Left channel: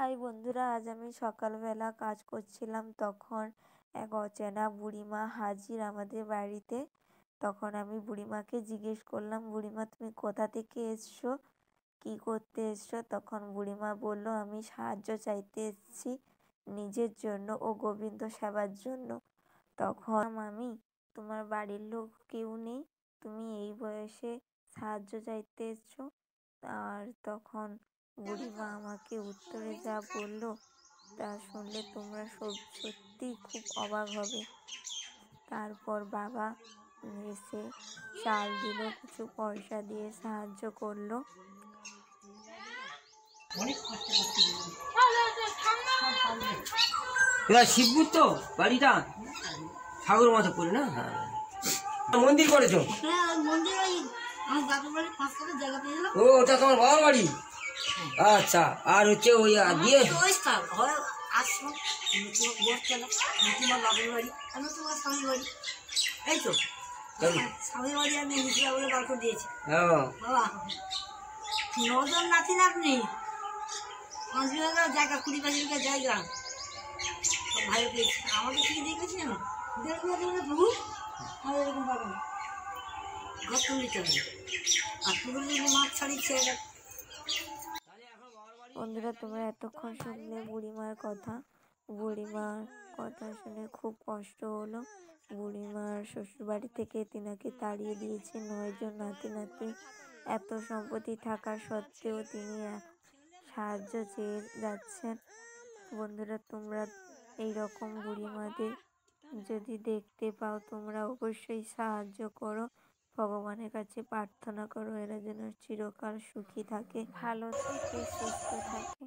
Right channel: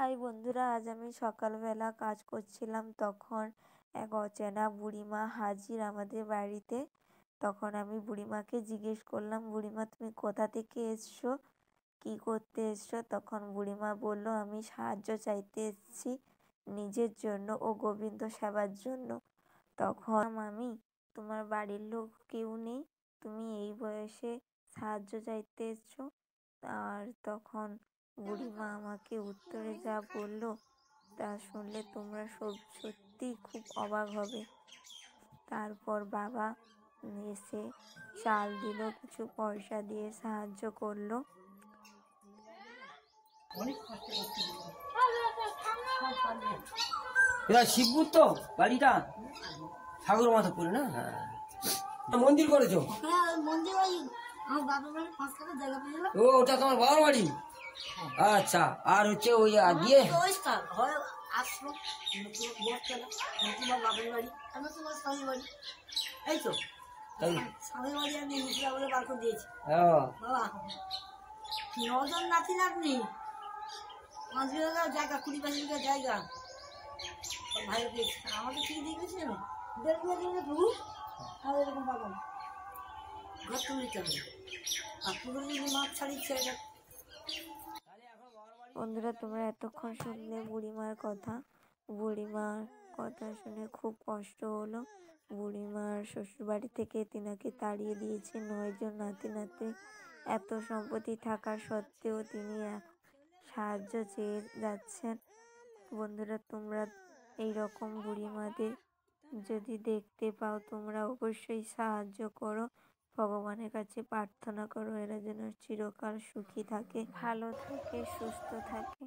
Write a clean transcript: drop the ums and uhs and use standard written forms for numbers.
High বন্ধুরা, আজ আমি সকালবেলা কাজ করছিলাম, তখন এক অচেনা বুড়িমা হাজির আমাদের বাড়িতে। তখন আমি বুড়িমাকে জিজ্ঞেস করলাম, বুড়িমা তুমি কোথা থেকে এসছো, কি করতে এসছো? তখন বুড়িমা বলল, আমি সাহায্য চাইতে এসেছি নিজের জন্য ও গোবিন্দ সেবার জন্য। তখন আমি, তোমার বাড়ির লোক কেউ নেই, তুমি এই বয়সে সাহায্য চাইতে এসছো? আর তখন বুড়িমা আমাকে উত্তরে যা বলল তা শুনলে তোমরা সত্যি খুব অবাক হবে। তারপর বাবা এসে চাল দিল, কিছু পয়সা দিয়ে সাহায্য করলো। শিবপুর তো বাড়িটা সাগর মতো করে না? হ্যাঁ, মন্দির করেছো? ও, ওটা তোমার বাবার বাড়ি? আচ্ছা, আর হচ্ছে ওই দিয়ে নজর নাচেন আপনি, 5 বিঘা জায়গা, 20-25 বিঘা জায়গা ভাই পেয়েছি। আমাকে ঠিক দেখেছেন 1.5 বিঘা প্রভু, আর এরকম বাগান ঘর তুলিতে হবে। আর পুরো যদি মাছ ছাড়িয়েছে। বন্ধুরা, তোমরা এতক্ষণ শুনলে বুড়িমার কথা। বুড়িমার কথা শুনে খুব কষ্ট হলো। বুড়িমার শ্বশুরবাড়ি থেকে তিনাকে তাড়িয়ে দিয়েছে 9 জন নাতি নাতনি। এত সম্পত্তি থাকা সত্ত্বেও তিনি সাহায্য চেয়ে যাচ্ছেন। বন্ধুরা, তোমরা এইরকম বুড়িমাদের যদি দেখতে পাও, তোমরা অবশ্যই সাহায্য করো। ভগবানের কাছে প্রার্থনা করো এরা যেন চিরকাল সুখী থাকে, ভালো থাকে, সুস্থ থাকে।